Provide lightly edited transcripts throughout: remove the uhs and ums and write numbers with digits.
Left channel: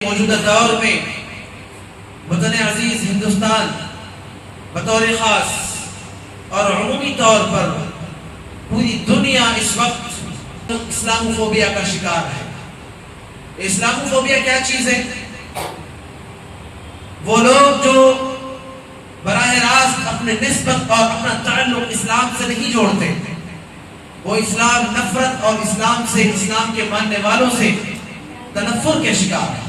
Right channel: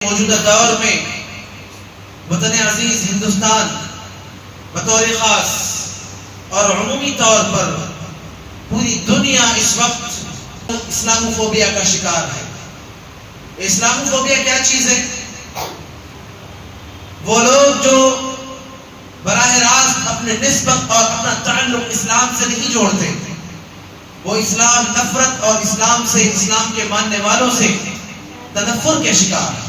موجودہ دور میں وطن عزیز ہندوستان بطور خاص اور عمومی طور پر پوری دنیا اس وقت اسلاموفوبیا کا شکار ہے۔ اسلاموفوبیا کیا چیز ہے؟ وہ لوگ جو براہ راست اپنے نسبت اور اپنا تعلق اسلام سے نہیں جوڑتے، وہ اسلام نفرت اور اسلام کے ماننے والوں سے تنفر کے شکار ہیں۔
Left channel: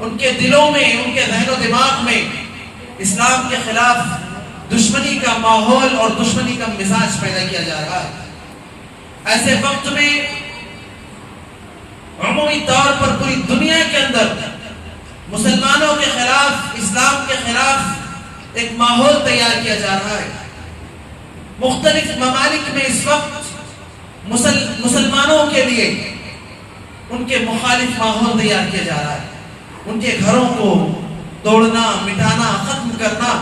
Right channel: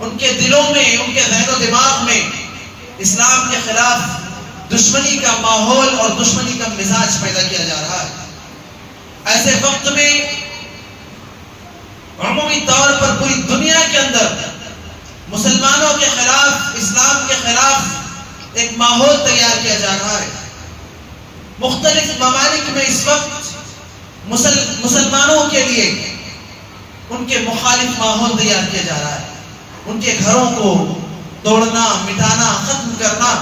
ان کے دلوں میں، ان کے ذہن و دماغ میں اسلام کے خلاف دشمنی کا ماحول اور دشمنی کا مزاج پیدا کیا جا رہا ہے۔ ایسے وقت میں عمومی طور پر پوری دنیا کے اندر مسلمانوں کے خلاف، اسلام کے خلاف ایک ماحول تیار کیا جا رہا ہے۔ مختلف ممالک میں اس وقت مسلمانوں کے لیے ان کے مخالف ماحول تیار کیا جا رہا ہے۔ ان کے گھروں کو توڑنا، مٹانا، ختم کرنا،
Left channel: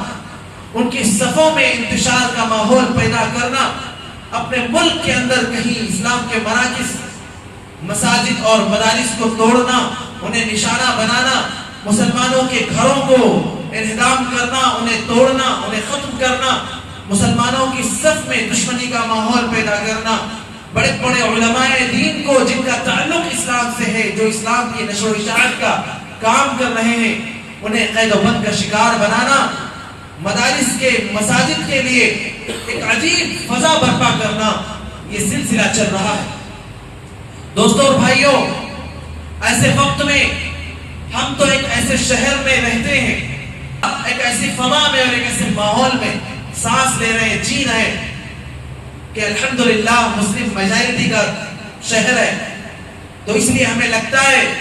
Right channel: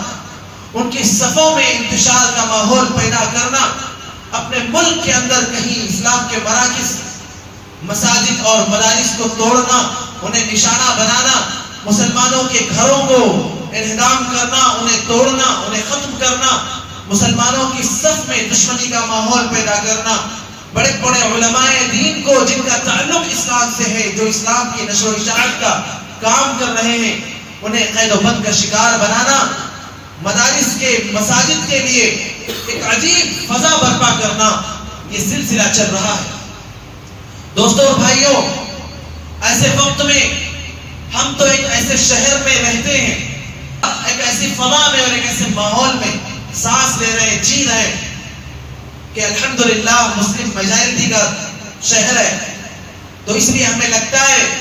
ان کی صفوں میں انتشار کا ماحول پیدا کرنا، اپنے ملک کے اندر کہیں اسلام کے مراکز، مساجد اور مدارس کو توڑنا، انہیں نشانہ بنانا، مسلمانوں کے گھروں کو انہدام کرنا، انہیں توڑنا، انہیں ختم کرنا، مسلمانوں کی صف میں دشمنی کا ماحول پیدا کرنا، بڑے بڑے علماء دین کو جن کا تعلق اسلام سے ہے، جو اسلام کی نشر و اشاعت کا کام کر رہے ہیں، انہیں قید و بند کا شکار بنانا، مدارس کے، مساجد کے لیے ایک عجیب فضا برپا کرنا، یہ سلسلہ چل رہا ہے۔ دوستوں اور بھائیوں، ایسے وقت میں ہم تو ایک ایسے شہر میں رہتے ہیں، ایک ایسی فضا میں اور ایک ایسے ماحول میں سانس لے رہے ہیں، جی رہے ہیں کہ الحمدللہ مسلم میجارٹی کا شہر ہے، تو اس لیے ہمیں لگتا ہے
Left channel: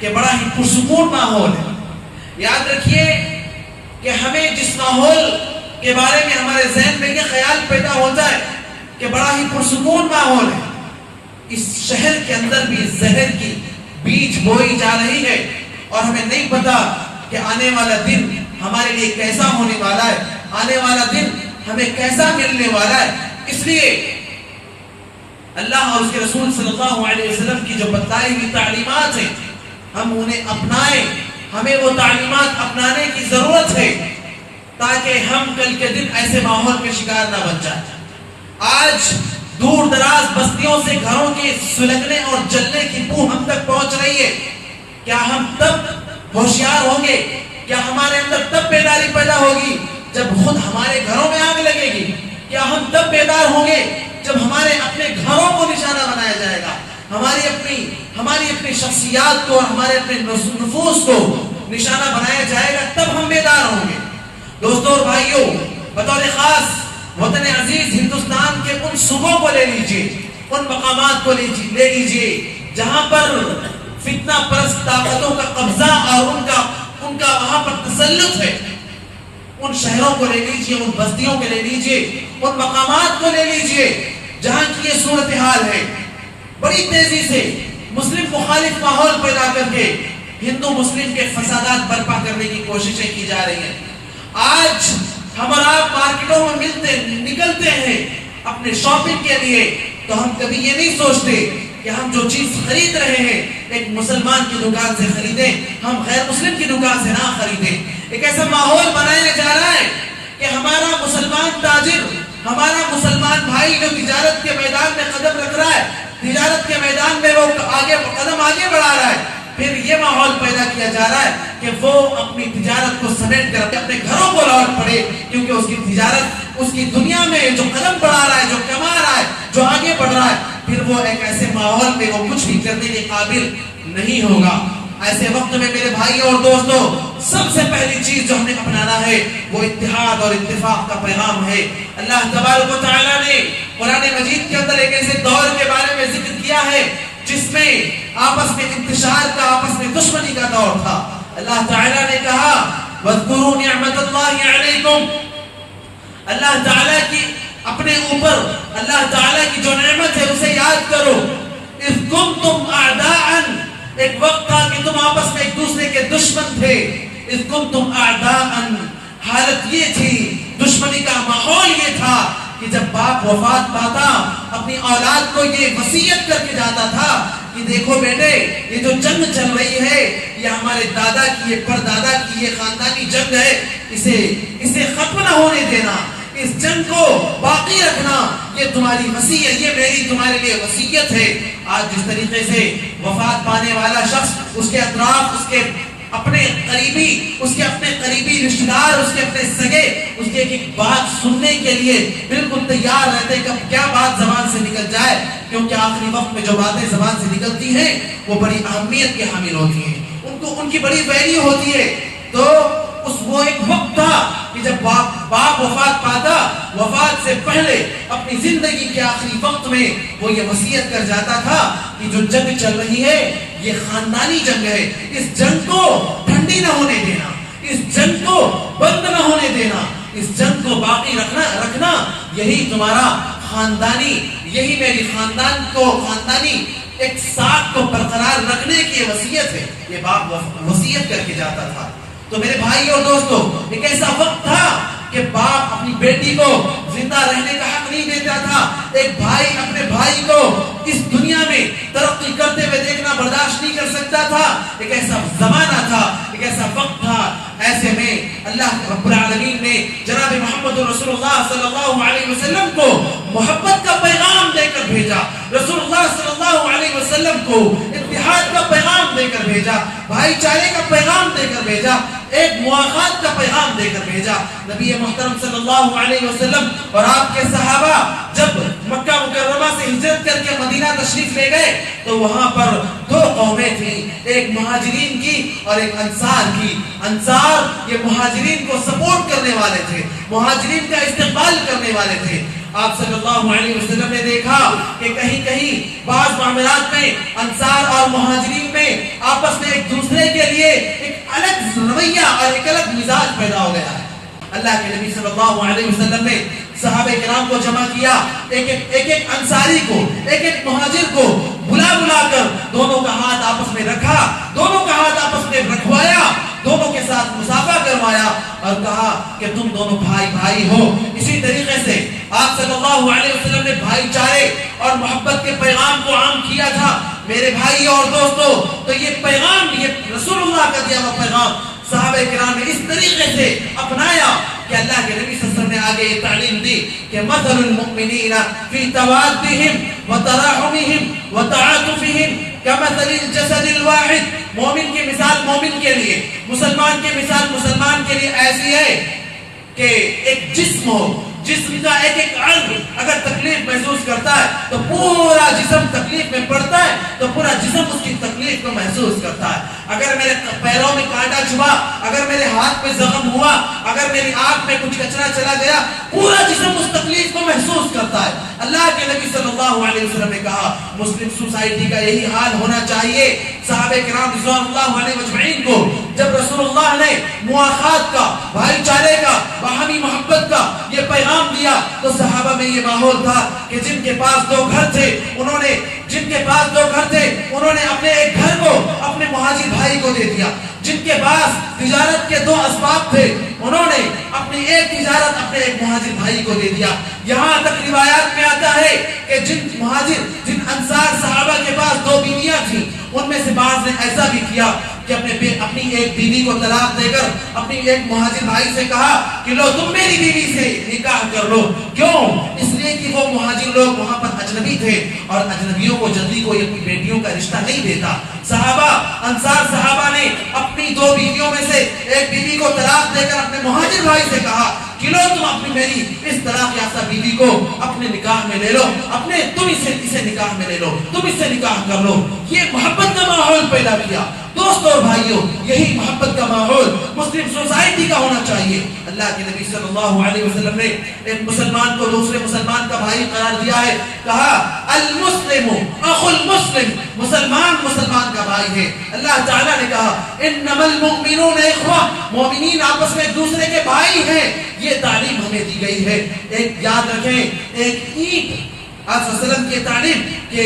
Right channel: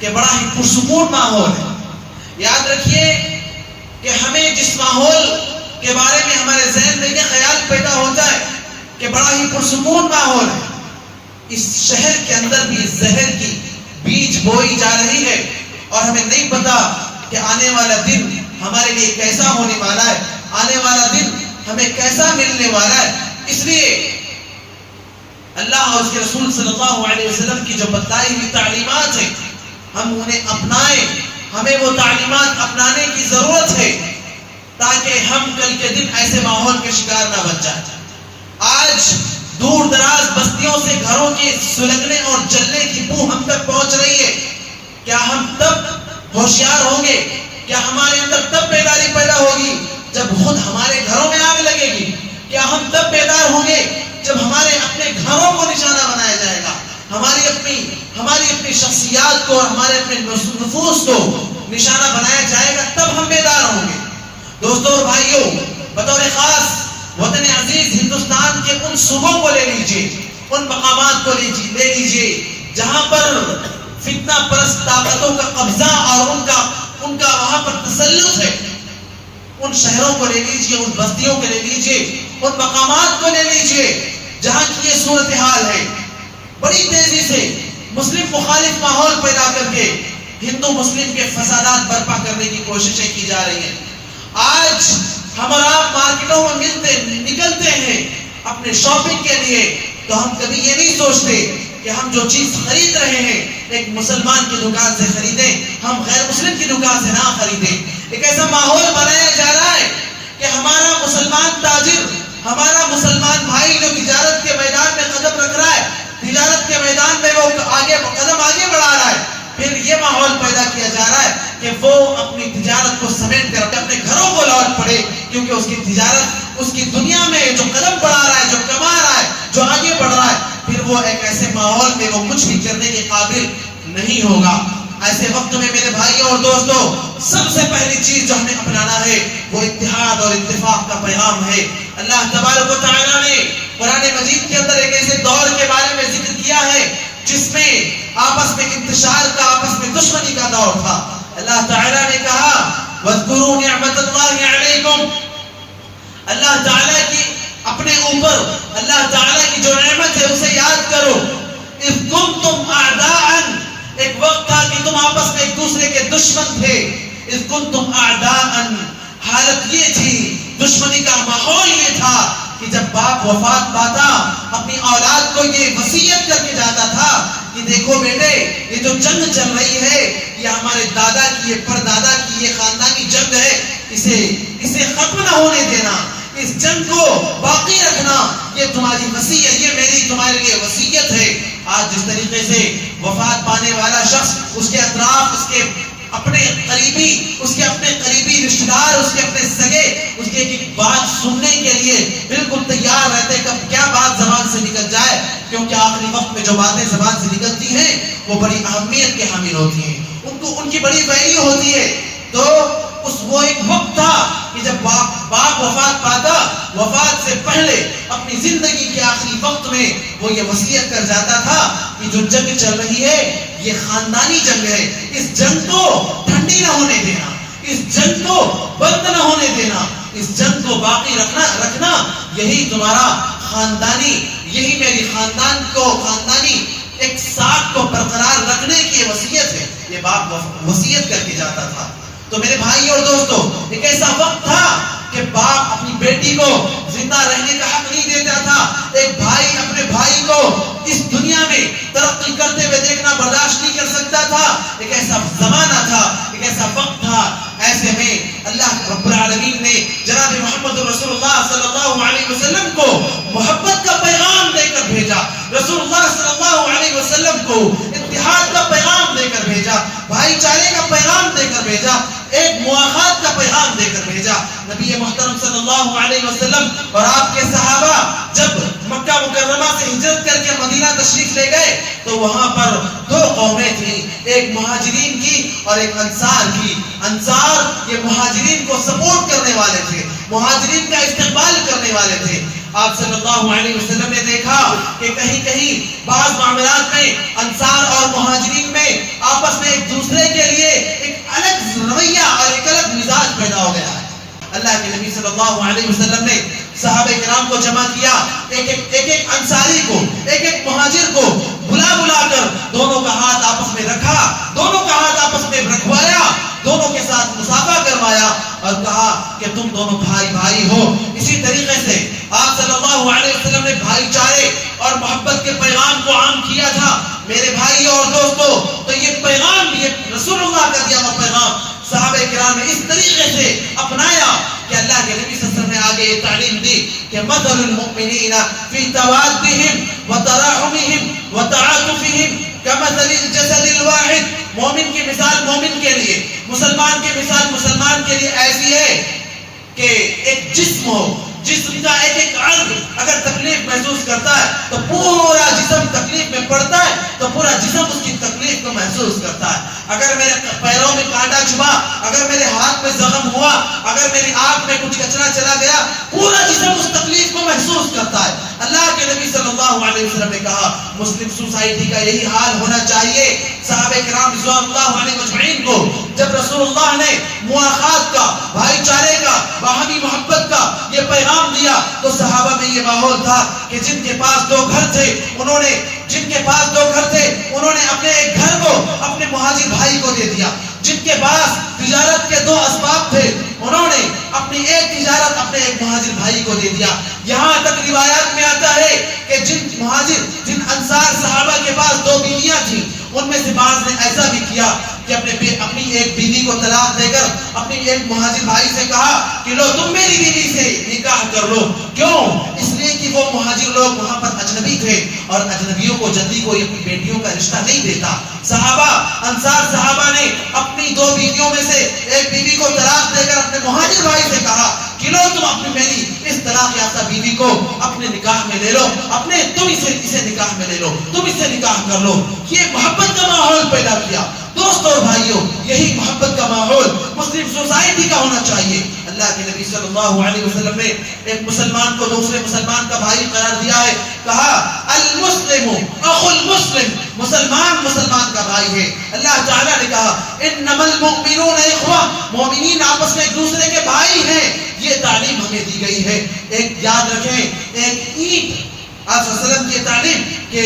کہ بڑا ہی پرسکون ماحول ہے۔ یاد رکھیے کہ ہمیں جس ماحول کے بارے میں ہمارے ذہن میں یہ خیال پیدا ہوتا ہے کہ بڑا ہی پرسکون ماحول ہے، اس شہر کے اندر بھی زہر کی بیج بوئی جا رہی ہے، اور ہمیں نہیں پتا کہ آنے والا دن ہمارے لیے کیسا ہونے والا ہے، آنے والا دن ہمیں کیسا ملنے والا ہے۔ اس لیے اللہ اور اس کے رسول صلی اللہ علیہ وسلم کی جو بتلائی ہوئی تعلیمات ہیں، ہم انہیں اپنائیں، ہمیں وہ تعلیمات اپنانے کی ضرورت ہے تاکہ ہم کل کے دن ایسے ماحول کے شکار نہ بن جائیں۔ آج دور دراز بستیوں سے گھروں کے سلگنے اور جلنے کی بو ہم تک پہنچ رہی ہے۔ کیا ہم تب ہوشیار ہوں گے؟ کیا ہمارے اندر تب بیداری پیدا ہوگی جب خود ہمارے گھروں میں آگ لگے گی؟ کیا ہم تب بیدار ہوں گے جب ہمارے اپنے گھروں کو نشانہ بنایا جائے گا، ہماری اپنی شخصیات کو اور ہمارے اپنے نفوس کو نشانہ بنایا جائے گا، تب ہم بیدار ہوں گے۔ دوستوں اور بھائیوں، بطور خاص وطن عزیز ہندوستان کے ان صوبوں کو لے لیجئے، ان مقامات کو لے لیجئے جہاں پر فتنہ پرست طاقتوں کا قبضہ اور ان کا وہاں پر تسلط ہے، ان شہروں کو لے لیجئے، ان بستیوں کو لے لیجئے، ان مقامات کو لے لیجئے جہاں کی یہ صورتحال ہے۔ بڑی تیزی سے مسلم مخالف ماحول پیدا کر کے ہندو مسلم کے فسادات برپا کرنے کی کوششیں کی جا رہی ہیں۔ آج ہم اور آپ مارکیٹوں میں نکلتے ہیں اپنے شاپنگ کے لیے، تو ہم کبھی یہ نہیں سوچتے کہ ہم جو چیز خرید رہے ہیں ایک مسلمان کی دکان سے خریدیں، ہم غیر مسلم کی دکان سے نہ خریدیں۔ ایک ایسا ماحول بنایا جا رہا ہے کہ ہمارا مسلمان تاجر، ہمارا مسلمان بھائی جو تجارت کے میدان میں قدم رکھ رہا ہے، تجارت کے میدان میں وہ قدم آگے بڑھا رہا ہے، پھر یہ ماحول پیدا کیا جا رہا ہے کہ وہ اپنی تجارت کو سمیٹ کر اپنے گھروں کو لوٹ پڑے، کیونکہ اس کی تجارت، اس کی دنیا میں جو قدم بڑھا رہا ہے، جو کما رہا ہے، جو آگے بڑھ رہا ہے، پھر وہ ایک ایسے ماحول میں وہ کچھ بھی کرنے کے قابل نہیں ہوگا۔ ایسے وقت میں میرے بھائی اور دوستوں، سب سے پہلی چیز جو ہمیں اپنانا ہے وہ اتحاد اور اتفاق کا پیغام ہے۔ اللہ تبارک و تعالیٰ نے قرآن مجید کے اندر ایک ایسے دور کے بارے میں ذکر کیا ہے جس میں آپس میں انتشار کا، آپس میں دشمنی کا دور تھا۔ اللہ تعالیٰ نے کہا وَاذْكُرُوا نِعْمَةَ اللَّهِ عَلَيْكُمْ، اللہ تعالیٰ کی اپنے اوپر اللہ تعالیٰ کی جو نعمت ہے اسے یاد کرو۔ اِذْ كُنْتُمْ أَعْدَاءً، ایک وقت تھا کہ تم آپس میں ایک دوسرے کے دشمن تھے۔ اِذْ كُنْتُمْ أَعْدَاءً، حالت یہ تھی، دشمنی کا ماحول یہ تھا کہ جب باپ وفات پاتا اپنی اولاد کو یہ وصیت کر کے جاتا تھا کہ دیکھو بیٹے یہ جو جنگ چل رہی ہے یہ ہمارے دادا کی، یہ پردادا کی، یہ خاندانی جنگ ہے، اسے ختم نہ ہونے دینا، اس جنگ کو باقی رکھنا، یہ تمہاری وصیت، یہ میری تمہارے لیے وصیت ہے۔ آج جس طریقے سے وفات پانے والا شخص، اس کے اطراف، اس کے اپنے قریبی رشتہ دار، اس کے اپنے سگے اس کی ایک بات سننے کے لیے بالکل تیار رہتے، کب کیا بات زبان سے نکل جائے، کیونکہ آخری وقت میں جو باتیں زبان سے نکلتی ہیں وہ بڑی اہمیت کے حامل ہوتی ہیں، ان کی بڑی ویلیو ہوتی ہے۔ تو وہ ایک وقت تھا کہ جب باپ وفات پاتا، وفات سے پہلے اپنی زندگی کے آخری وقت میں وہ یہ وصیت کر جاتا تھا کہ جو جنگ چل رہی ہے یہ خاندانی جنگ ہے، اس جنگ کو ٹھنڈی نہ ہونے دینا، اس جنگ کو بند نہ ہونے دینا، اس جنگ کو باقی رکھنا، یہی تمہارا خاندانی، یہی میری خاندانی ایک ساتھ کو برقرار رکھنے کی وصیت ہے۔ یہ باپ وصیت کر کے جاتا تھا۔ تو میرے بھائی اور دوستو، ایک ایسا وقت تھا کہ باپ اپنی بیٹی کو زندہ رہنے کا حق نہیں دیتا تھا، ایک بھائی اپنے بھائی کو اس دنیا میں ترقی کرتے ہوئے دیکھنا برداشت نہیں کر سکتا تھا۔ ایک ایسا زمانہ تھا، ایک ایسا وقت تھا، ایسے میں اللہ رب العالمین نے جناب محمد رسول اللہ صلی اللہ علیہ وسلم کو محبت کا پیغام دے کر بھیجا، رسول اللہ صلی اللہ علیہ وسلم کو اتحاد کا پیغام دے کر بھیجا، بھائی چارے کا پیغام دے کر بھیجا، ایک مواخات کا پیغام دے کر بھیجا۔ نبی محترم صلی اللہ علیہ وسلم اور آپ کے صحابہ جب مکہ مکرمہ سے ہجرت کر کے مدینہ تشریف لے گئے تو وہاں پر دو قومیں تھیں، ایک مہاجرین کی اور ایک انصار کی۔ انصار یہ مہاجرین کو سپورٹ کرنے والے تھے، مہاجرین کا استقبال کرنے والے تھے۔ آپ صلی اللہ علیہ وسلم نے دیکھا کہ کہیں کہیں بعض معاملات میں انصار اور مہاجرین میں آپس میں ایک دوسرے کے لیے ایک الگ رویہ اور ایک الگ مزاج پیدا ہو گیا ہے۔ اللہ کے نبی صلی اللہ علیہ وسلم نے صحابہ کرام کو جمع کیا، ایک انصاری کو، ایک مہاجر کو بلا کر دونوں کا ہاتھ آپس میں رکھا، دونوں کا ہاتھ آپس میں رکھوایا، دونوں کے ساتھ مصافحہ کروایا اور کہا کہ تم دونوں بھائی ہو۔ اسی طریقے سے آپ صلی اللہ علیہ وسلم نے بھائی چارے اور محبت کے پیغام کو عام کیا تھا۔ میرے بھائی اور دوستو، تو یہ پیغام، یہ رسول اللہ کا دیا ہوا پیغام صحابہ کرام نے اس طریقے سے اپنایا کہ اللہ کے نبی صلی اللہ علیہ وسلم نے آگے یہ تعلیم دی کہ مثل المؤمنین فی توادہم وتراحمہم وتعاطفہم کمثل الجسد الواحد۔ مومن کی مثال مومن کے لیے، مسلمان کی مثال مسلمان کے لیے ایسی ہے کہ ایک جسم ہو، جسم کا ایک عضو اگر تکلیف محسوس کرتا ہے تو پورا جسم تکلیف میں پڑتا ہے، تو پورا جسم اس کی تکلیف کو محسوس کرتا ہے۔ اگر میرے پیروں میں کانٹا چھپا، اگر میرے ہاتھ میں زخم ہوا، اگر میری آنکھ میں کچھ کچرا چلا گیا، پورا جسم اس تکلیف کو محسوس کرتا ہے۔ اللہ کے نبی صلی اللہ علیہ وسلم نے کہا مسلم سوسائٹی کا یہی حال ہونا چاہیے۔ صحابہ کرام رضوان اللہ علیہ مجمعین کو جب رسول اللہ نے مواخات کا، بھائی چارے کا، باہمی محبت کا یہ پیغام دیا تو صحابہ میں یہ ماحول تھا کہ جن کے پاس دو گھر تھے انہوں نے اپنے ایک گھر کو اپنے مہاجر بھائی کو دے دیا، جن کے پاس تجارت کے دو اسباب تھے انہوں نے اپنی ایک تجارت اپنے ایک مہاجر بھائی کو دے دیا۔ یہاں تک روایات میں آتا ہے کہ جن انصار صحابہ کے پاس دو بیویاں تھیں ان میں سے بعض نے ایسا بھی کیا کہ اپنی ایک بیوی کو طلاق دے کر اپنی ایک مہاجر بھائی سے کہا کہ لو تم میری بیوی سے نکاح کر لو۔ کیوں؟ اس لیے کہ وہ مہاجر لوگ وہاں پر اجنبی تھے اور اجنبیوں کو جلدی کوئی اپنی بیٹیوں کا رشتہ نہیں دیتا۔ انصار صحابہ نے اپنی دو بیویوں میں سے ایک بیوی کو طلاق دے کر اپنے مہاجر بھائی سے کہا کہ لو تم اپنی میری اس طلاق یافتہ بیوی کو اپنے نکاح میں لے لو، تم اسے نکاح میں لے لو، تم اس سے نکاح کر لو۔ یہ محبت کا ماحول پیدا کیا۔ دوستوں اور بھائیوں، یہی محبت کا ماحول مسلم سوسائٹی کا ہونا چاہیے۔ اللہ کے نبی صلی اللہ علیہ وسلم نے ایک مسلمان کو دوسرے مسلمان کا بھائی قرار دیا ہے، کہا المسلم اخو المسلم، مسلمان کا بھائی ہے۔ اللہ تعالیٰ نے کہا انما المؤمنون اخوہ، مومنین آپس میں ایک دوسرے کے بھائی ہیں۔ یہ تعلیم ہمیں دی گئی ہے۔ ایک یاد رکھیں، ایک عید آپ صلی اللہ علیہ وسلم کی تعلیم کہ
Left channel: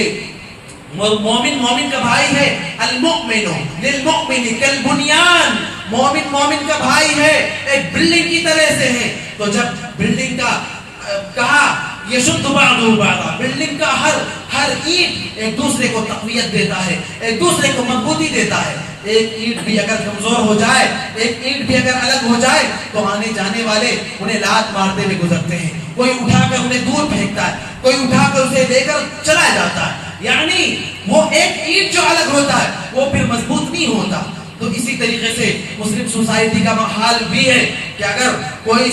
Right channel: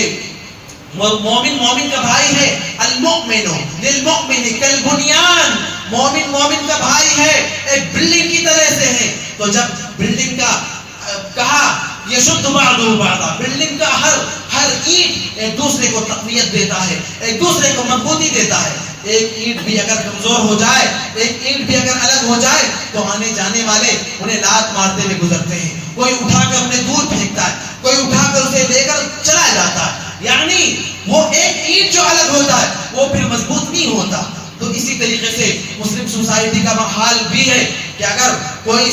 مومن کا بھائی ہے، المؤمن للمؤمن کالبنیان، مومن کا بھائی ہے، ایک بلڈنگ کی طرح سے ہے۔ تو جب بلڈنگ کا کہا یشد بعضہ بعضا، بلڈنگ کا ہر اینٹ ایک دوسرے کو تقویت دیتا ہے، ایک دوسرے کو مضبوطی دیتا ہے. ایک اینٹ بھی اگر کمزور ہو جائے، ایک اینٹ بھی اگر الگ ہو جائے تو آنے جانے والے انہیں لات مارتے ہوئے گزرتے ہیں. کوئی اٹھا کر انہیں دور پھینکتا ہے، کوئی اٹھا کر اسے لے کر چلا جاتا ہے. یعنی وہ ایک اینٹ جو الگ ہوتا ہے وہ پھر مضبوط نہیں ہوتا. تو اسی طریقے سے مسلم سوسائٹی کا حال بھی ہے کہ اگر کوئی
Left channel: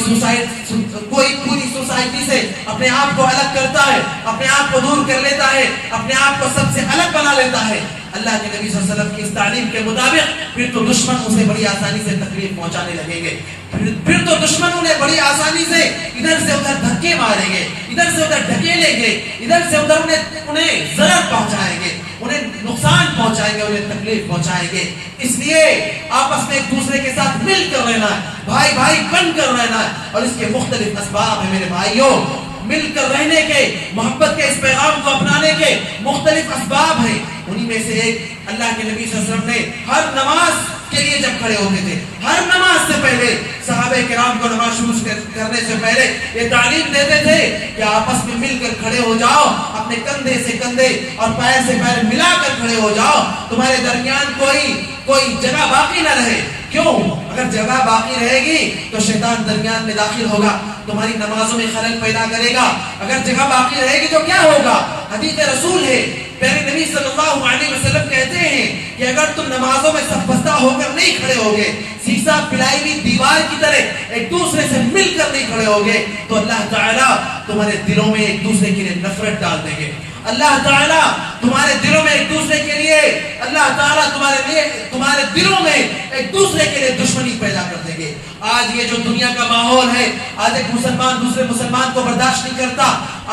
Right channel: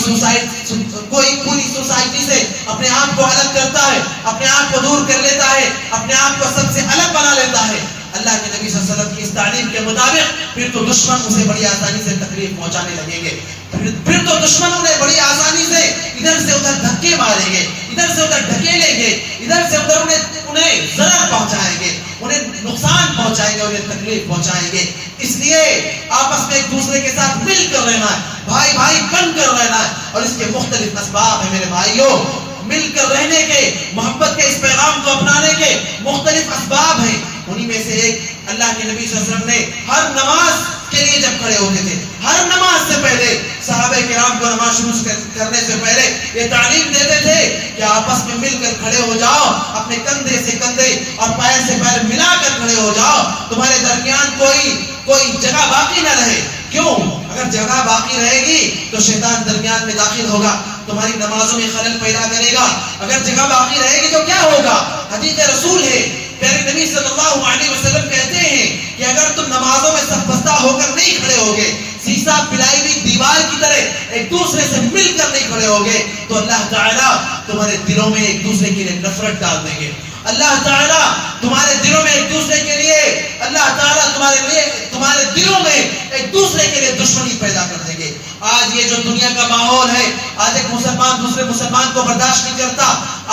پوری سوسائٹی سے اپنے آپ کو الگ کرتا ہے، اپنے آپ کو دور کر لیتا ہے، اپنے آپ کو سب سے الگ بنا لیتا ہے اللہ کے نبی صلی اللہ علیہ وسلم کی اس تعلیم کے مطابق، پھر تو دشمن اسے بڑی آسانی سے تکلیف پہنچانے لگیں گے. پھر تو دشمن انہیں بڑی آسانی سے ادھر سے ادھر دھکے ماریں گے، ادھر سے ادھر ڈھکیلیں گے، ادھر سے ادھر انہیں ضرر پہنچائیں گے، انہیں نقصان پہنچائیں گے، انہیں تکلیف پہنچائیں گے. اس لیے آپس میں ایک دوسرے کے ساتھ مل کر رہنا ہے، بھائی بھائی بن کر رہنا ہے. اور اس کے مختلف اسباب ہیں میرے بھائیوں. مل کر رہنے کے، محبت کے اس پیغام کو اپنانے کے مختلف اسباب ہیں. انہی میں سے ایک اللہ کے نبی صلی اللہ علیہ وسلم نے ہر نماز کے لیے جب کھڑے ہوتے تھے، ہر نماز سے پہلے صحابہ کرام کو نماز شروع کرنے سے پہلے یہ تعلیم دیتے تھے کہ آپس میں مل کر کھڑے ہو جاؤ، اپنے کندھے سے کندھے اور پیر سے پیر ملا کر کھڑے ہو جاؤ. تمہارے درمیان کوئی جگہ باقی نہ رہے. کیوں؟ اگر جگہ باقی رہے گی تو شیطان درمیان میں داخل ہوگا، تمہاری نمازوں میں خلل پیدا کرے گا. اگر جگہ باقی رہے گی تو کیا ہوگا؟ حدیث رسول ہے، پیارے نبی صلی اللہ علیہ وسلم کہتے ہیں کہ اگر تم نمازوں میں صف بستہ ہو کر نہیں کھڑے ہوگے، سیسا پھیلائی ہوئی دیوار کی طرح ایک دوسرے سے مل کر نہیں کھڑے ہوگے، تو اللہ تعالیٰ تمہارے دلوں میں ایک دوسرے کے لیے نفرت ڈال دیں گے. اللہ تعالیٰ تمہارے دلوں میں ایک دوسرے کے لیے، اللہ تعالیٰ تمہارے دلوں میں ایک دوسرے کے لیے دشمنی پیدا کر دیں گے. آج یہ جو دنیا کا ماحول ہے، آج ایک مسلمان دوسرے مسلمان کو برداشت نہیں کرتا.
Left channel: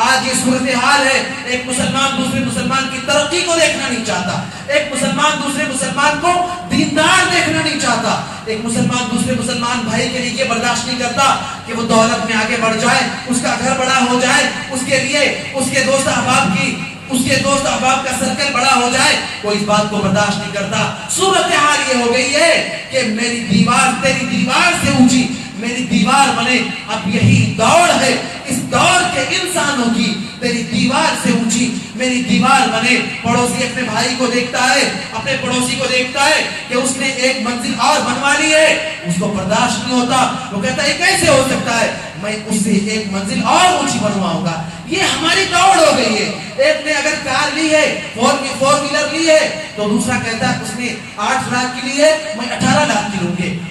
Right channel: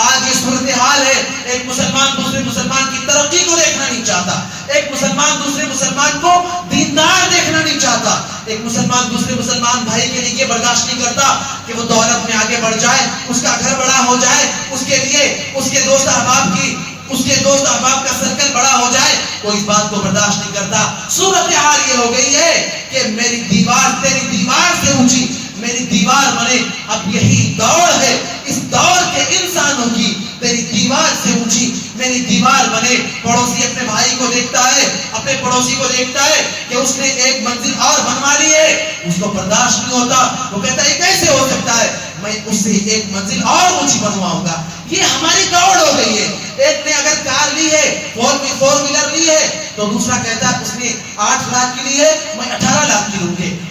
آج یہ صورتحال ہے، ایک مسلمان دوسرے مسلمان کی ترقی کو دیکھنا نہیں چاہتا، ایک مسلمان دوسرے مسلمان کو دیندار دیکھنا نہیں چاہتا، ایک مسلمان دوسرے مسلمان بھائی کے لیے یہ برداشت نہیں کرتا کہ وہ دولت میں آگے بڑھ جائے، اس کا گھر بڑا ہو جائے، اس کے لیے اس کے دوست احباب کا سرکل بڑا ہو جائے. کوئی اس بات کو برداشت نہیں کرتا. صورتحال یہ ہو گئی ہے کہ میری دیوار تیری دیوار سے اونچی، میری دیوار بنے. اب یہی دوڑ ہے اس دور کے انسانوں کی، تیری دیوار سے اونچی میری دیوار بنے. پڑوسی اپنے بھائی کو دیکھتا ہے، اپنے پڑوسی کو دیکھتا ہے کہ اس نے ایک منزل اور بنوا لی ہے، اس کو برداشت نہیں ہوتا. وہ کہتا ہے کیسے ہو سکتا ہے، میں اس سے ایک منزل اور اونچی بنواؤں گا. یہ ہماری دوڑ ہو گئی ہے. ایک نے اگر کار لی ہے، فور ویلر لی ہے، تو دوسرا کہتا ہے اس نے 8 لاکھ کی لی ہے، میں 18 لاکھ کی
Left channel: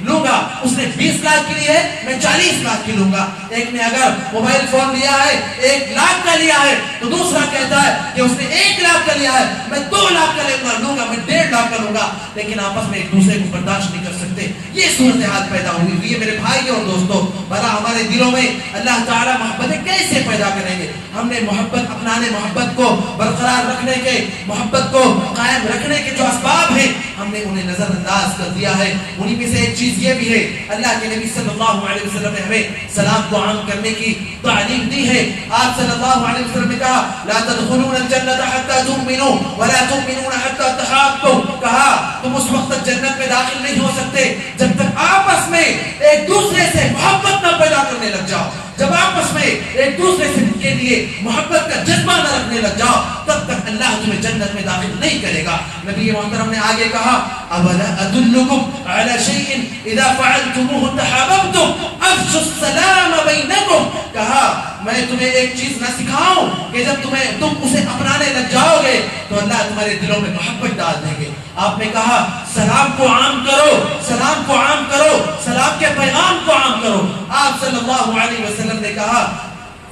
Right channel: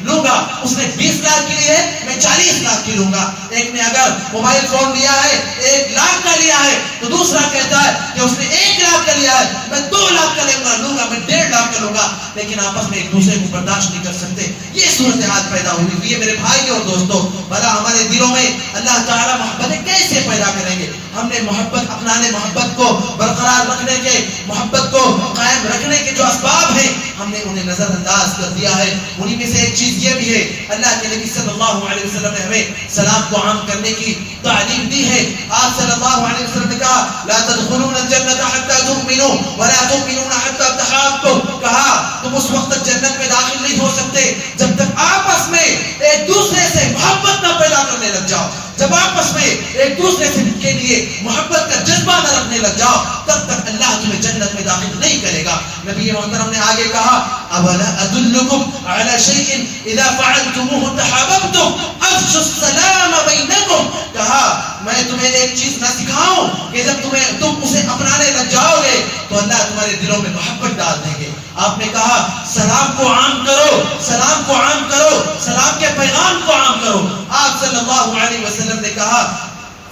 لوں گا. اس نے 20 لاکھ کی لی ہے، میں 40 لاکھ کی لوں گا. ایک نے اگر موبائل فون لیا ہے 1 لاکھ کا لیا ہے، تو دوسرا کہتا ہے کہ اس نے 1 لاکھ کا لیا ہے، میں 2 لاکھ کا لوں گا، میں 1.5 لاکھ کا لوں گا. لیکن آپس میں ایک دوسرے کو برداشت نہیں کر سکتے. یہ صورتحال پیدا ہوئی ہے میرے بھائی اور دوستوں. بھلا ہمارے دلوں میں اللہ تعالیٰ محبتیں کیسے پیدا کریں گے؟ ہم نے محبت اپنانے، محبت کو برقرار رکھنے کے، محبت کو قائم رکھنے کے جو اسباب ہیں ہم نے انہیں نظر انداز کر دیا ہے. انہی میں سے ایک چیز یہ بھی ہے، اللہ کے نبی صلی اللہ علیہ وسلم نے ہمیں سلام کو عام کرنے کی تعلیم دی ہے. آپ صلی اللہ علیہ وسلم نے کہا لا تدخلون الجنت حتى تؤمنوا ولا تؤمنون حتى تحابوا. کہا تم اس وقت تک جنت میں داخل نہیں ہو سکتے جب تک آپس میں ایک دوسرے سے محبت نہ پیدا کرنے لگ جاؤ. جب آپس میں ایک دوسرے کے لیے محبت کا جذبہ نہ رکھنے لگ جاؤ تب تک اللہ تمہیں جنت میں داخل نہیں کرے گا. نبی محترم نے آگے کہا اولا ادلکم علی شیء اذا فعلتموه تحاببتم افشوا السلام بینکم. کہا میں تمہیں ایک چیز نہ سکھاؤں کہ جب تم اسے اپنانے لگ جاؤ گے تو اللہ تمہارے دلوں میں محبت ڈال دیں گے. آپ نے کہا سلام کو عام کرو، سلام کو عام کرو، سلام کے پیغام کو عام کرو. آپ صلی اللہ علیہ وسلم نے کہا،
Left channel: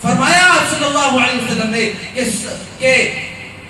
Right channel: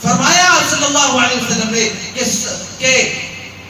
فرمایا آپ صلی اللہ علیہ وسلم نے کہ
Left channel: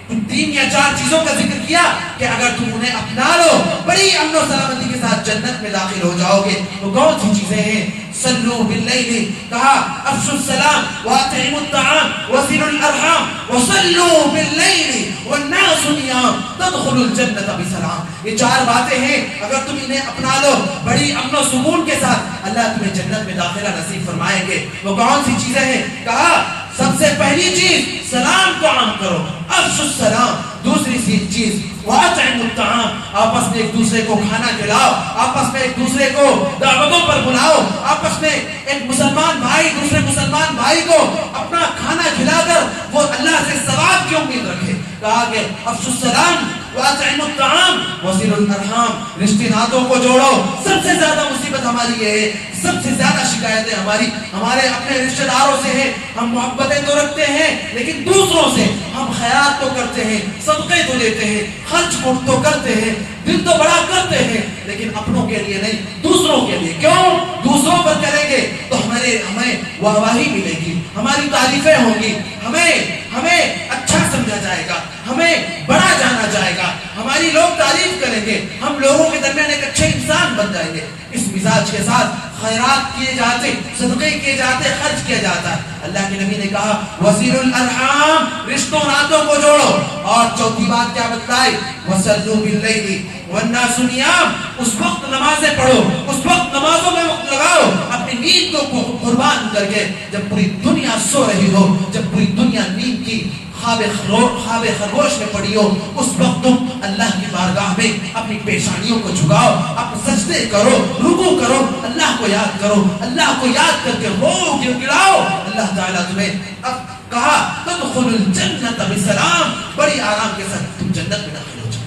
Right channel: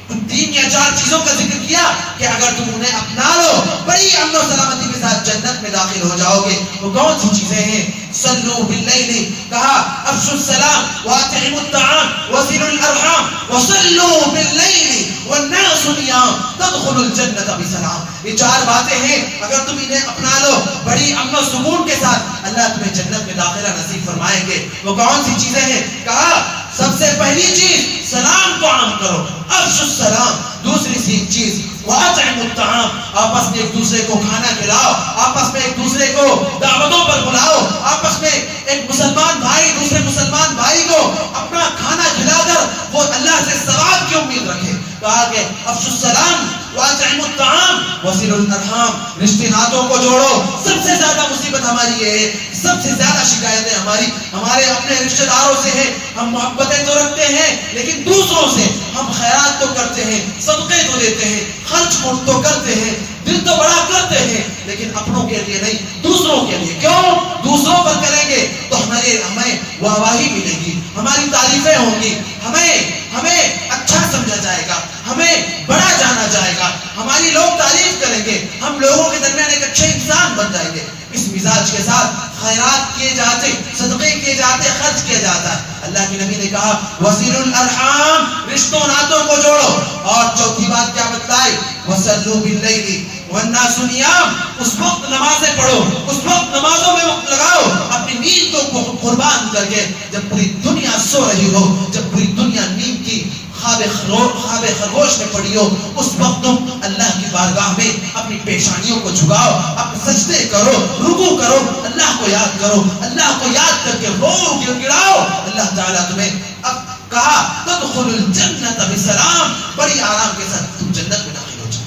3 یا 4 چیزوں کا ذکر کیا کہ اگر تم انہیں اپنا لو بڑی امن و سلامتی کے ساتھ جنت میں داخل ہو جاؤ گے. وہ کون سی چیزیں ہیں؟ صلو باللیل، کہا افشوا السلام واطعموا الطعام وصلوا الارحام وصلو باللیل والناس نیام تدخلوا الجنت بسلام. یہ 4 باتیں ہیں، اگر تم انہیں اپنا لو بڑی امن و سکون کے ساتھ اللہ تمہیں جنت میں داخلہ نصیب فرمائیں گے. وہ کون سی چیزیں ہیں؟ کہا سب سے پہلی چیز سلام کو عام کرو، افشوا السلام. دوسری چیز واطعموا الطعام، آپس میں ایک دوسرے کو کھانا کھلاؤ، آپس میں ایک دوسرے کو دعوتوں پر بلاؤ، آپس میں ایک مسلمان بھائی دوسرے مسلمان بھائی کو اپنا کھانا کھلا کر وہ اللہ سے ثواب کی امید رکھے. کہا کہ افشوا السلام واطعموا الطعام وصلوا الارحام، رشتے ناتوں کو جوڑو. سب سے زیادہ مصیبت ہماری یہ ہے، سب سے زیادہ شکایتیں ہمارے اپنے رشتے داروں سے ہیں. ہم محبتیں تو رکھتے ہیں لیکن دوسروں سے ہم خیرات تو کرتے ہیں، صدقے تو دیتے ہیں، خرچ تو کرتے ہیں، دل تو بڑا کرتے ہیں، لیکن اپنوں کے لیے نہیں، دوسروں کے لیے. کیوں؟ دوسروں پر کریں گے تو ہمیں واہواہی ملے گی، ہماری تعریفیں ہوں گی، ہمیں اچھا سمجھا جائے گا، ہمیں بڑا جانا جائے گا، ہماری لوگ تعریف کریں گے، ہم لوگوں کے درمیان ایک اچھے انسان بن جائیں گے. اس مزاج کے ساتھ خیرات کیے جاتے، صدقے کیے جاتے، خرچ کیا جاتا ہے. اللہ کے نبی نے کہا وصلوا الارحام، رشتوں ناتوں کو جوڑو. اور چوتھی بات کیا بتلائی؟ وصلوا باللیل والناس نیام، اس وقت نمازیں پڑھو، اس وقت نمازوں میں وقت لگاؤ، اپنی نیند کو قربان کر کے. جب پوری دنیا سو رہی ہو، جب پوری دنیا نیند کی خواب خرگوش میں پڑی ہو، اس وقت تم اللہ کی بارگاہ میں اپنی پیشانیوں کو جھکاؤ، اپنے سجدے کرو، رکوع کرو، اللہ کو یاد کرو، اللہ کو یاد کر کے رو گڑاؤ. اللہ تعالیٰ تمہیں اب کہا تدخل الجنت بسلام، بڑی آرام کے ساتھ تم جنت میں داخل ہو جاؤ.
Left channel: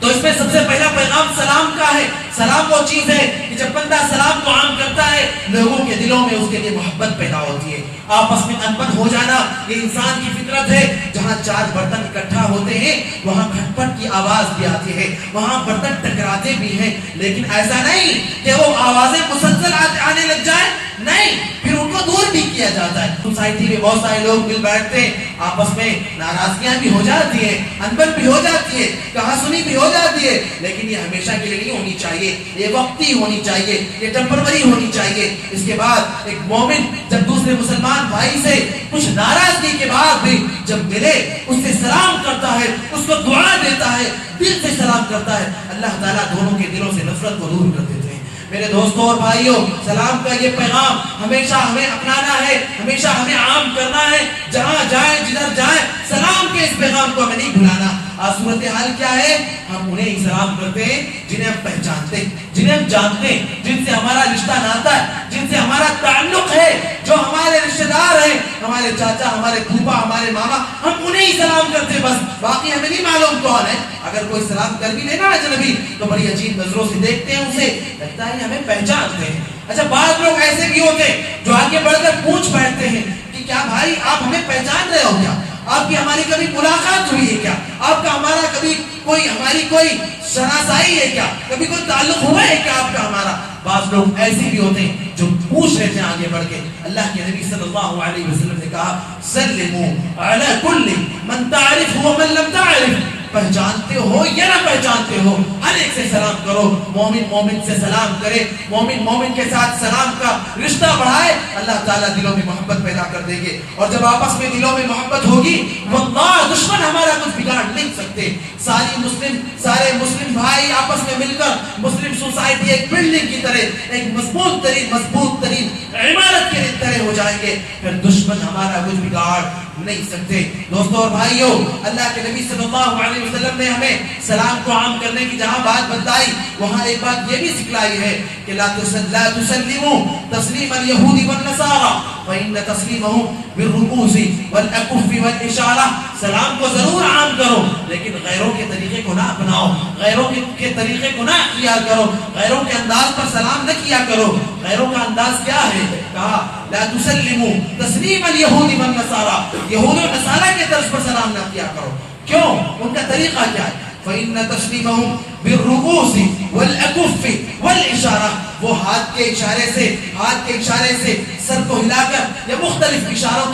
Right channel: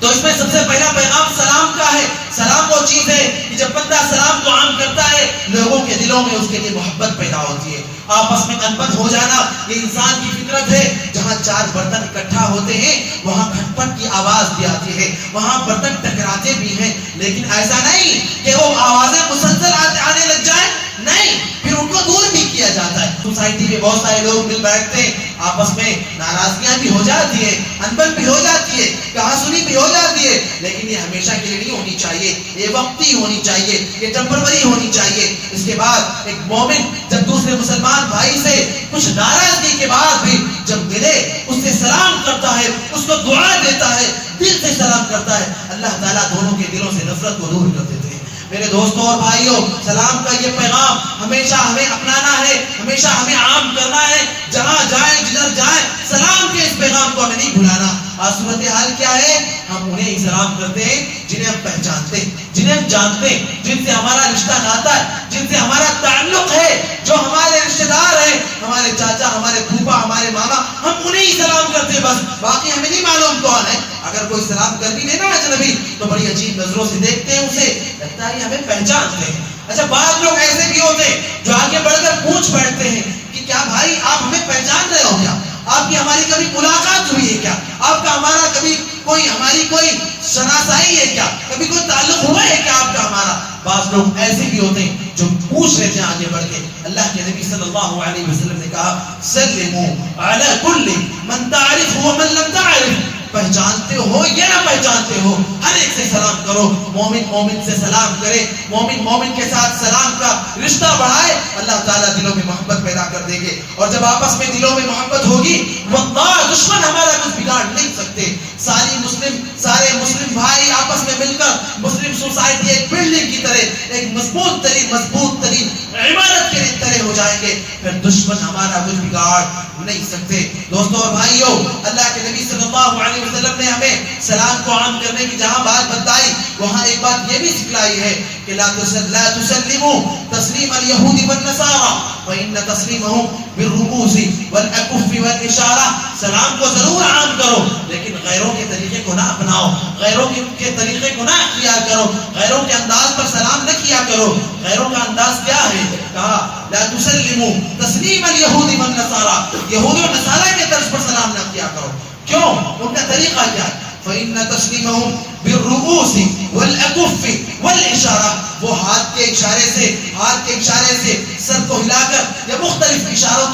تو اس میں سب سے پہلا پیغام سلام کا ہے. سلام وہ چیز ہے کہ جب بندہ سلام کو عام کرتا ہے، لوگوں کے دلوں میں اس کے لیے محبت پیدا ہوتی ہے. آپس میں انبن ہو جانا یہ انسان کی فطرت ہے. جہاں چار برتن اکٹھا ہوتے ہیں وہاں کھٹ پٹ کی آواز بھی آتی ہے، وہاں برتن ٹکراتے بھی ہیں، لیکن ایسا نہیں کہ وہ آوازیں مسلسل آنے لگ جائیں. نہیں، پھر ان کو دور بھی کیا جاتا ہے. سوسائٹی میں بہت سارے لوگ مل بیٹھتے ہیں، آپس میں ناراضگیاں بھی ہو جاتی ہیں، انبن بھی ہو جاتی ہے، کہا سنی بھی ہو جاتی ہے، لیکن یہ ہمیشہ کے لیے نہیں ہونی چاہیے، یہ وقتی ہونی چاہیے، یہ ٹیمپرری ہونی چاہیے. اس کے بعد ایک مومن جب دوسرے مسلمان بھائی سے کچھ ناراضگی کے بعد بھی جب ملے، اس سے سلام کرتا ہے، اس کو دعا دیتا ہے، دل سے سلام کرتا ہے، اللہ تعالیٰ دونوں کے دلوں سے نفرت کو دور کر دیتے ہیں. میرے دوستوں اور بھائیوں، سلام کا یہ پیغام ہمیشہ ہمیں اپنانا ہے، ہمیشہ ہمیں عام کرنا ہے. جہاں جائیں جدھر جائیں سلام کے اس پیغام کو ہمیں نہیں بھلانا. آج صورتحال کیا ہے؟ ہم انہیں ہی سلام کرتے ہیں جنہیں ہم پہچانتے ہیں، جنہیں ہم جانتے ہیں، جن سے ہمارا رشتہ ناتا ہے، جن سے ہمارا تعلق ہے، جو ہمارے رشتہ دار ہیں، ہمارے چاچا، ہمارے پھوپا، ہمارے ماما، ہم انہیں ہی سلام کرتے ہیں بس. باقی ہمیں نہیں معلوم کون ہے. اگر کوئی سلام کر بھی لینا اجنبی تو بڑی عجیب نظروں سے دیکھتے ہیں اسے، لگتا ہے ہمیں پہچانتے ہیں. اچھا، بعض لوگ ایسے بھی ہوتے ہیں جو آگے بڑھ کر پوچھ بیٹھتے ہیں کہ کیا بھائی آپ ہمیں پہچان رہے ہو کیا؟ آپ کی ہماری کبھی ملاقات ہوئی ہے کیا؟ آپ کا ہمارا کبھی ہماری کوئی شناسائی ہے کیا؟ کبھی کوئی تعلق ہوا ہے کیا آپ کا ہمارا؟ بعض لوگ ایسے بھی ہوتے ہیں جو پوچھ رہتے ہیں آگے بڑھ کے. اللہ کے نبی صلی اللہ علیہ وسلم نے کہا سلموا علی کل من تعرف ومن لم تعرف، پہچانتے ہو یا نہ پہچانتے ہو، ہر ایک سے سلام کرو. مومن مومن سے سلام کرے، مومن مومن کے ساتھ سلام کا رشتہ بڑھائے، اللہ تعالیٰ دلوں میں محبت پیدا کر دیں گے. اور جب آپس میں دلوں میں محبت ہوگی، واللہ دشمن ہمارا کچھ بگاڑ نہیں سکتے. سارے مسلم بھائی آپس میں مل کر مسلم سوسائٹی ایک بلڈنگ کی طرح، ایک مضبوط ترین عمارت کے طرح ہو جائیں گے، پھر دشمن ہمارا کچھ بگاڑ نہیں سکتے. دوستوں اور بھائیوں، اللہ کے نبی صلی اللہ علیہ وسلم نے ہمیں سلام کو عام کرنے کی جہاں بات بتائی، وہاں ایک بات یہ بھی سکھلائی ہے کہ لا تسلموا تسلیم اليهود والنصارى فإن تسلیمهم بالرؤوس والأكف والإشارة. سلام کو ضرور عام کرو لیکن غیروں کے طریقے کو نہ اپناؤ، غیروں کے طریقے کو نہ اختیار کرو، غیروں کے انداز پر سلام نہ کیا کرو. غیروں کا انداز کیا ہے؟ کہا لا تسلموا تسلیم اليهود والنصارى، یہود و نصارہ کے طرز پر سلام نہ کیا کرو. کیوں؟ ان کا طریقہ کیا ہے؟ فإن تسلیمهم بالرؤوس والأكف والإشارة، وہ ہاتھ کے اشارے سے سر کو ہلا کر یا مختلف اشاروں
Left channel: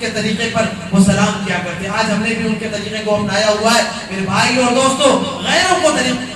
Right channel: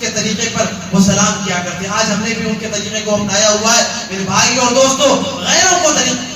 کے طریقے پر وہ سلام کیا کرتے ہیں. آج ہم نے بھی ان کے طریقے کو اپنایا ہوا ہے. میرے بھائی اور دوستو، غیروں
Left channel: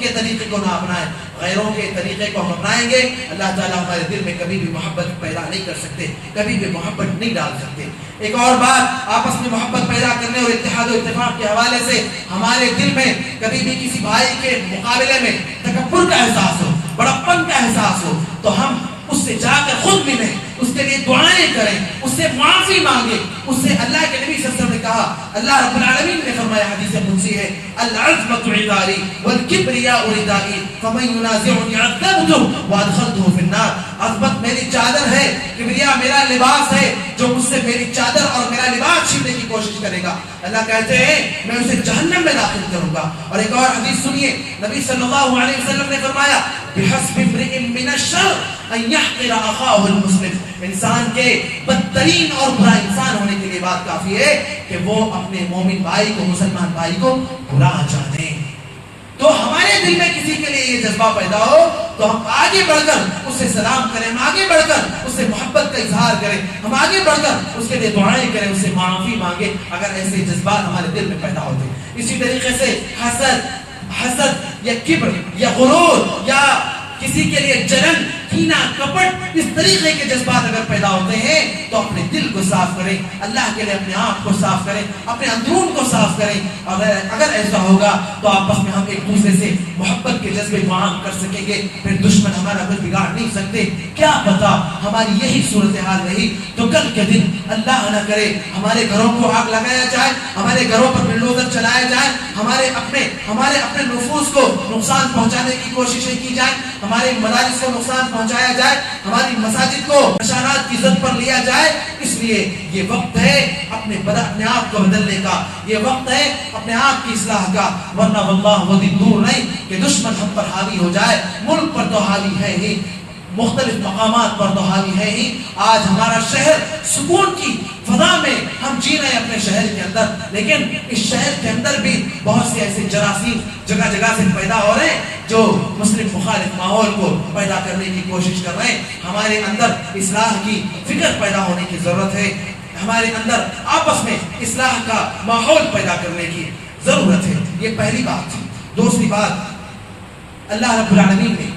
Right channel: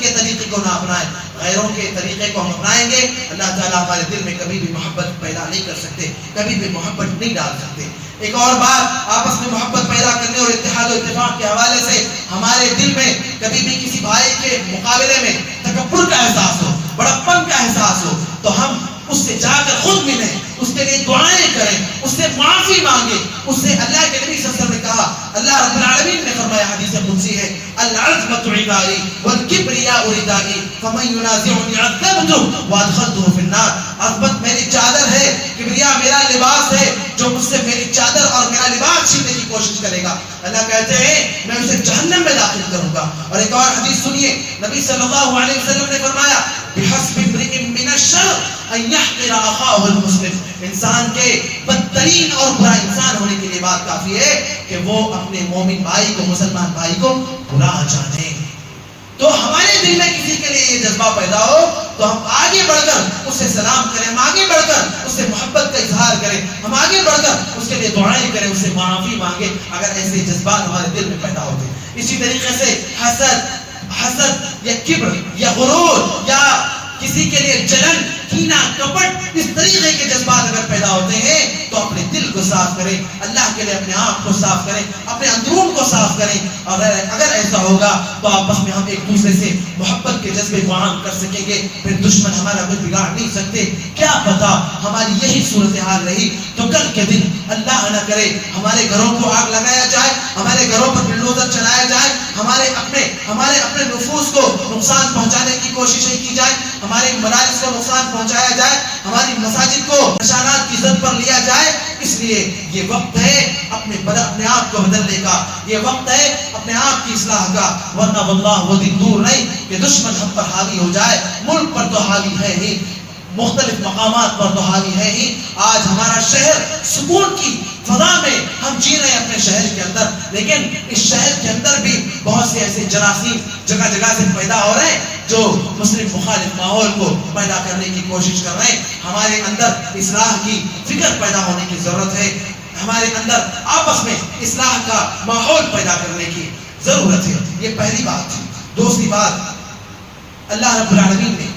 کے طریقے کو نہ اپنائیں. غیروں کے طریقے کو ہم اپنائیں گے، اللہ تعالیٰ ہمارے دل میں کبھی بھی محبت پیدا نہیں کر سکتے، کبھی بھی محبت نہیں ڈال سکتے. ایک اور بات، آپس میں محبت پیدا کرنے اور اتحاد و اتفاق کے حوالے سے ہمارے دل میں کبھی بھی کسی بھائی کے مقابلے میں تکبر کا احساس ہو، بڑپن کا احساس ہو، تو ہم اس سے جا کر خود ملیں، اس کے لیے دعائیں کریں، اس سے معافی مانگے، اس سے اللہ کے نبی صلی اللہ علیہ وسلم نے کہا، اللہ رب العالمین نے فرمایا، حدیث قدسی ہے، العظمۃ عذاری والکبریاء ردائی فمن ینازعنی عذبته وادخلته فی النار. عظمت میری چادر ہے، کبریا میرا لباس ہے، جو مجھ سے میری چادر اور میرا لباس چھیننے کی کوشش کرے گا، اللہ کہتے ہیں میں اسے جہنم میں داخل کروں گا. اور ایک اور حدیث سنیے، نبی صلی اللہ علیہ وسلم نے فرمایا، بحسب امرئ من الشر ان يحقر اخاه المسلم. انسان کے بدترین اور برا انسان ہونے کے لیے بات کافی ہے کہ وہ اپنے مومن بھائی کو، مسلمان بھائی کو برا جانے. تو ہمارے دل میں کسی کے لیے یہ جذبہ پیدا ہو تو ہم آگے بڑھ کر اس سے سلام کریں، ہم آگے بڑھ کر اس سے محبت کا اظہار کریں، ہم آگے بڑھ کر اس کے لیے دعائیں کریں، اس سے معافی مانگیں اگر ایسے جذبات ہمارے دل میں پیدا ہوتے. اسی طریقے سے حسد یا کبر یا غرور یا کسی کے لیے جلن، کینہ، کپٹ، اس طریقے کے جذبات اگر پیدا ہوتے ہیں تو اپنے دل کو صاف کریں، اللہ کے لیے اپنے آپ کو صاف کریں، اپنے اندرون کو صاف کریں. اگر ایسا ہوگا تو آپس میں ہم ایک دوسرے سے محبت کے جذبے کو عام کر سکیں گے، پھر دشمن ہمارا کچھ بگاڑ نہیں سکتے. کیا پتا ہماری یہی صورتحال رہی تو کل کے دن اللہ نہ کرے ہمارے گھروں کو آگ لگایا جائے، ہمارے گھروں پر بلڈوزر چلایا جائے، ہمارے اپنے نفوس کو نقصان پہنچانے کی کوششیں کی جائے، ہمارے مدارس کو نقصان پہنچایا جائے، ہماری مساجد کو نشانات کی زد پر لیا جائے. اس لیے یہ وقت ہے اپنے آپ کو بدلنے کا، یہ وقت ہے اپنے آپ کی اصلاح کا، ورنہ واللہ وہ دن دور نہیں کہ دشمن ہم پر حاوی ہو جائے. ملک پر تو حاوی ہے ہی، مختلف مقامات پر تو حاوی ہے ہی. آج ہمارا شہر سکون کی فضا میں ہم جی رہے ہیں اپنے شہر کے اندر، لیکن اس شہر کے اندر بھی بہت سے ایسے جراثیم جگہ جگہ سے پیدا ہو رہے ہیں جو مسلم مخالف ماحول کو پیدا کرنے کی کوشش کر رہے ہیں. ہمارے اندر اصلاح کی فکر پیدا ہونے کی ضرورت ہے، ہمارے اندر آپس میں اصلاح کا ماحول پیدا کرنے کی ضرورت ہے. یہ پہلی بات ہے. دوسری بات، اللہ رب العالمین نے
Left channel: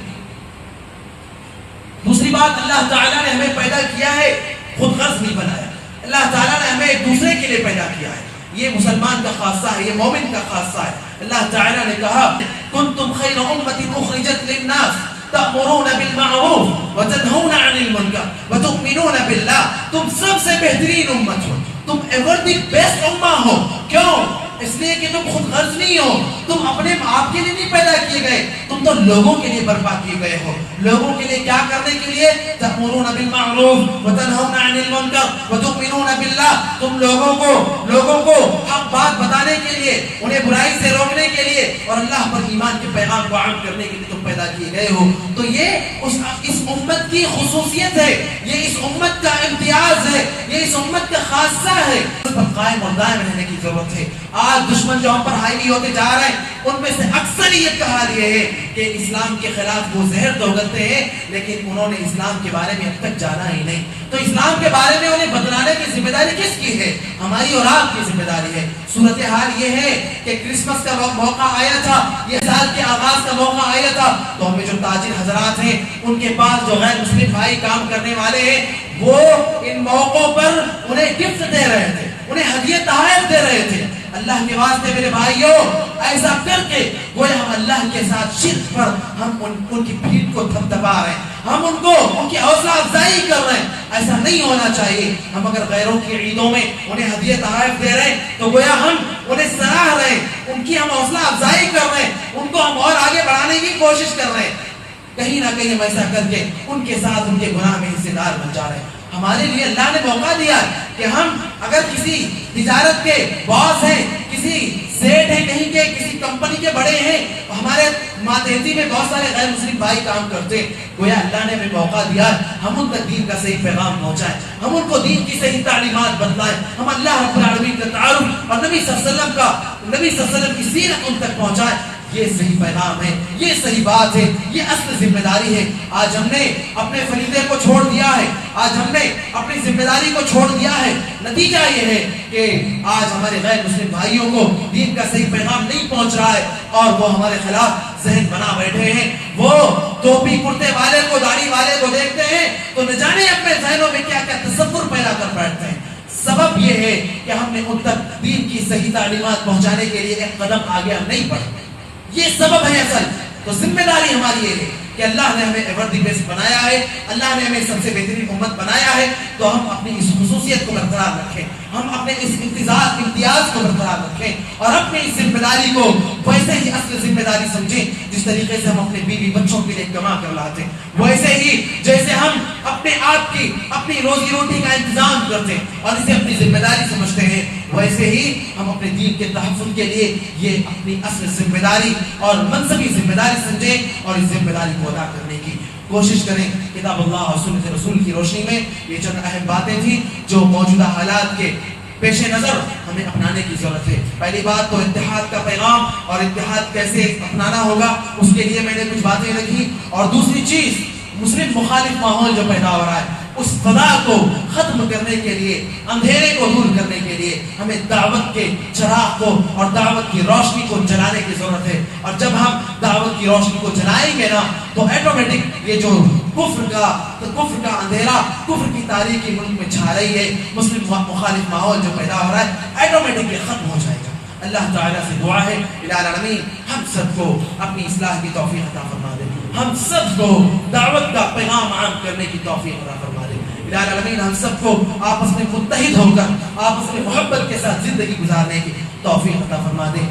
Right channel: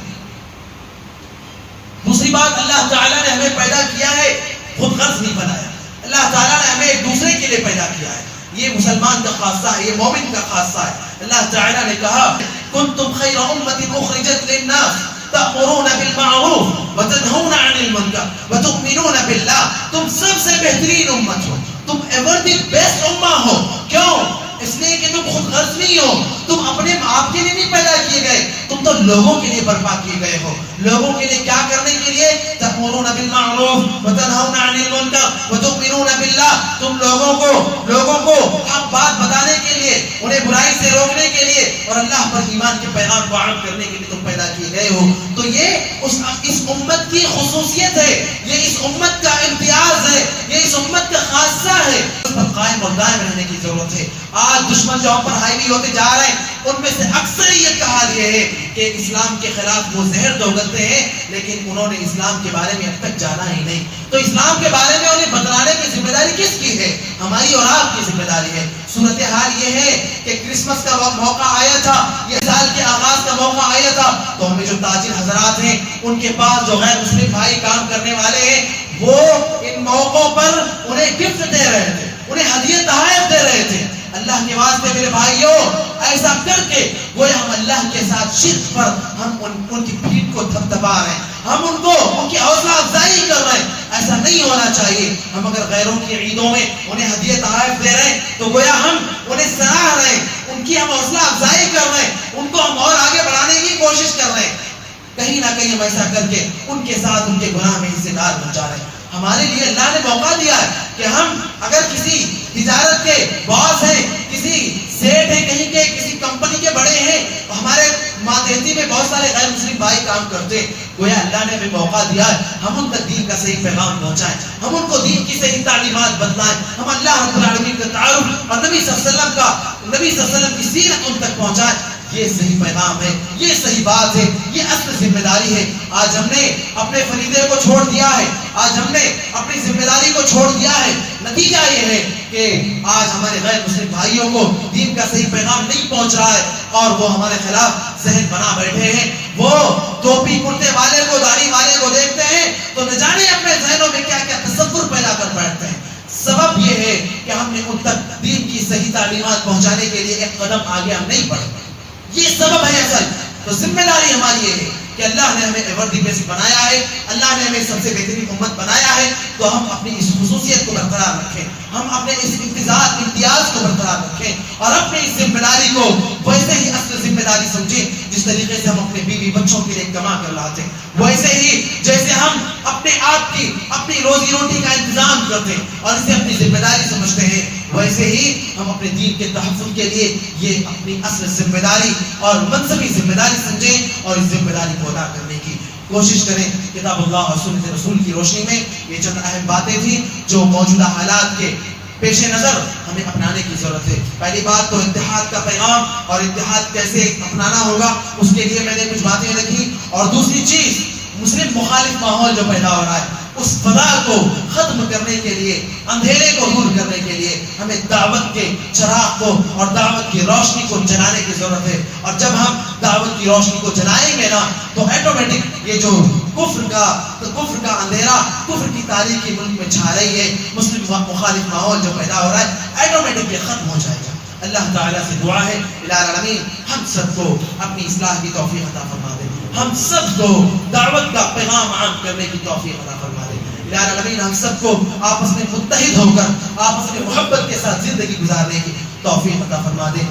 دوسری بات اللہ تعالیٰ نے ہمیں پیدا کیا ہے، خود غرض نہیں بنایا. اللہ تعالیٰ نے ہمیں ایک دوسرے کے لیے پیدا کیا ہے. یہ مسلمان کا خاصہ ہے، یہ مومن کا خاصہ ہے. اللہ تعالیٰ نے کہا، کنتم خیر امت اخرجت للناس تأمرون بالمعروف وتنہون عن المنکر وتؤمنون باللہ. تم سب سے بہترین امت ہو، تم ایور دی بیسٹ امہ ہو. کیوں؟ اس لیے کہ تم خود غرض نہیں ہو، تم اپنے آپ کے لیے نہیں پیدا کیے گئے، تم تو لوگوں کے لیے برپا کیے گئے ہو. لوگوں کے لیے کیا کرنے کے لیے؟ تأمرون بالمعروف وتنہون عن المنکر وتؤمنون باللہ. تم لوگوں کو حق بات بتانے کے لیے، انہیں برائی سے روکنے کے لیے اور اللہ پر ایمان کے پیغام کو عام کرنے کے لیے تم پیدا کیے گئے ہو. تو یہ اس امت کی خصوصیت ہے، یہ اس امت کا امتیاز ہے، یہ اس امت کا خاصہ ہے. اس پر قائم اور دائم رہنے کی ضرورت ہے. آج دشمن جو ہم پر حاوی ہوتے جا رہے ہیں ان میں سے اکثر یہ کہا یہ ہے کہ اسلام کے خلاف وہ زہر تو اگلتے ہیں لیکن انہوں نے اسلام کے بارے میں اب تک جانا ہی نہیں. تو اسلام کے بارے میں انہیں بتلانے کی ذمہ داری کس کی ہے؟ ہماری اور آپ کی ذمہ داری ہے. صورتحال یہ ہے کہ کرسمس کا موقع آیا تھا، یہ سال کے آغاز کا موقع آیا تھا، تو ہمیں جو تاجر حضرات ہیں ان کے پاس جو غیر مسلم بھائی کام کرنے والے ہیں وہ ان موقعوں پر انہیں گفٹ دے رہے تھے، انہیں ہدیے تحائف دے رہے تھے. اللہ کے واسطے میرے بھائیوں، ایسا کر کے گویا ہم اللہ کے ساتھ شرک پر ہم ان کی پیٹھ کو تھپتھپا رہے ہیں، ہم ان کی حوصلہ افزائی کر رہے ہیں. ایسا نہیں ہونا چاہیے. ہم اگر غیروں کی عیدوں میں انہیں ہدیے تحائف دے رہے ہیں تو گویا ہم انہیں سراہ رہے ہیں، ان کی ہم حوصلہ افزائی کر رہے ہیں، ان کو ہم اور آگے بڑھانے کی کوشش کر رہے ہیں. کہیں نہ کہیں ہم ایسا کر کے ان کے ساتھ ان کے گناہ میں حصے دار ہو جا رہے ہیں. ہمارے لیے اللہ نے موقع دیا ہے کہ ہم اگر کسی تجارت کے باس ہیں، کسی سیٹ ہیں، کہیں کے کسی کمپنی کے بڑے ہیں، ہمارے ماتحتی میں بہت سارے غیر مسلم بھائی کام کرتے، گویا اللہ نے ہمیں موقع دیا ہے ہم ان تک دین کا صحیح پیغام پہنچائیں، ہم ان کو دین کی صحیح تعلیمات بتلائیں، ہم اللہ رب العالمین کا تعارف اور نبی صلی اللہ علیہ وسلم کی سیرت ان تک پہنچائیں. یہ صحیح پیغام ہے، یہ صحیح بات ہے، یہ اصل ذمہ داری ہے. آج ہم نے اپنے فریضے کو چھوڑ دیا ہے، آج ہم نے اپنی ذمہ داری کو چھوڑ دیا ہے. نتیجہ یہ ہے کہ آج ہمارے غیر مسلم بھائیوں کو دین کا صحیح پیغام نہیں پہنچ رہا ہے اور وہ ہمارے خلاف ذہن بنا بیٹھے ہیں. وہ ٹوپی کرتے والے کو، داڑھی والے کو دیکھتے ہیں تو نہ جانے اپنے ذہنوں میں کیا کیا تصور پیدا کر بیٹھتے ہیں. سبب یہ ہے کہ ہم نے ان تک دین کی صحیح تعلیمات پہنچانے کے لیے ایک قدم آگے ہم نہیں بڑھے. یہ سبب ہے اصل. تو ذمہ داری ہماری یہ ہے کہ اللہ نے ہمیں ایور دی بیسٹ بنایا ہے, اللہ نے ہمیں سب سے بہترین امت بنایا ہے, تو ہم اپنی اس خصوصیت کو برقرار رکھیں, ہم اپنے اس امتیاز کو برقرار رکھیں, اور اپنی اس ذمہ داری کو ویسے ہی اصل ذمہ داری سمجھیں جس طریقے سے ہم اپنے بیوی بچوں کے لیے کما کر لاتے ہیں, ویسے ہی جیسے ہم اپنے آپ کی اپنی روزی روٹی کا انتظام کرتے ہیں اور اسے اپنی ذمہ داری سمجھتے ہیں, ویسے ہی ہم اپنے دین کے تحفظ کے لیے یہ اپنی اصل ذمہ داری اور منصبی ذمہ داری سمجھیں اور اس ذمہ داری کو ادا کرنے کی کوشش کریں. کتاب اللہ اور سنت رسول کی روشنی میں یہ چند اہم باتیں تھیں جو موجودہ حالات کے پیش نظر ہمیں اپنانے کی ضرورت ہے. پہلی بات تو اتحاد کا پیغام اور اتحاد کیسے اپنانا ہوگا, اس کے لیے میں نے کچھ باتیں رکھی. اور دوسری چیز, مسلم مخالف ماحول جو پیدا ہو رہا ہے اس فضا کو ختم کرنے کے لیے, اندھیرے کو دور کرنے کے لیے ہمیں دعوت کے چراغ کو اور دعوت کی روشنی کو جلانے کی ضرورت ہے. اور جب ہم دعوت کی روشنی کو جلائیں گے نا تو آٹومیٹک یہ جو کفر کا اندھیرا, کفر کی تاریکی ملک میں چھا رہی ہے, مسلم مخالف ماحول جو پیدا ہو رہا ہے آٹومیٹک یہ ختم ہو جائے گا. اللہ تعالیٰ سے دعا ہے الہ العالمین ہم سب کو اپنی اصلاح کی توفیق عطا فرما دے, ہم سب کو دعوت کا پیغام عام کرنے کی توفیق عطا فرما دے. الہ العالمین ہم سب کو آپس میں متحد ہو کر آپس میں محبت کے ساتھ زندگی گزارنے کی توفیق عطا فرما دے.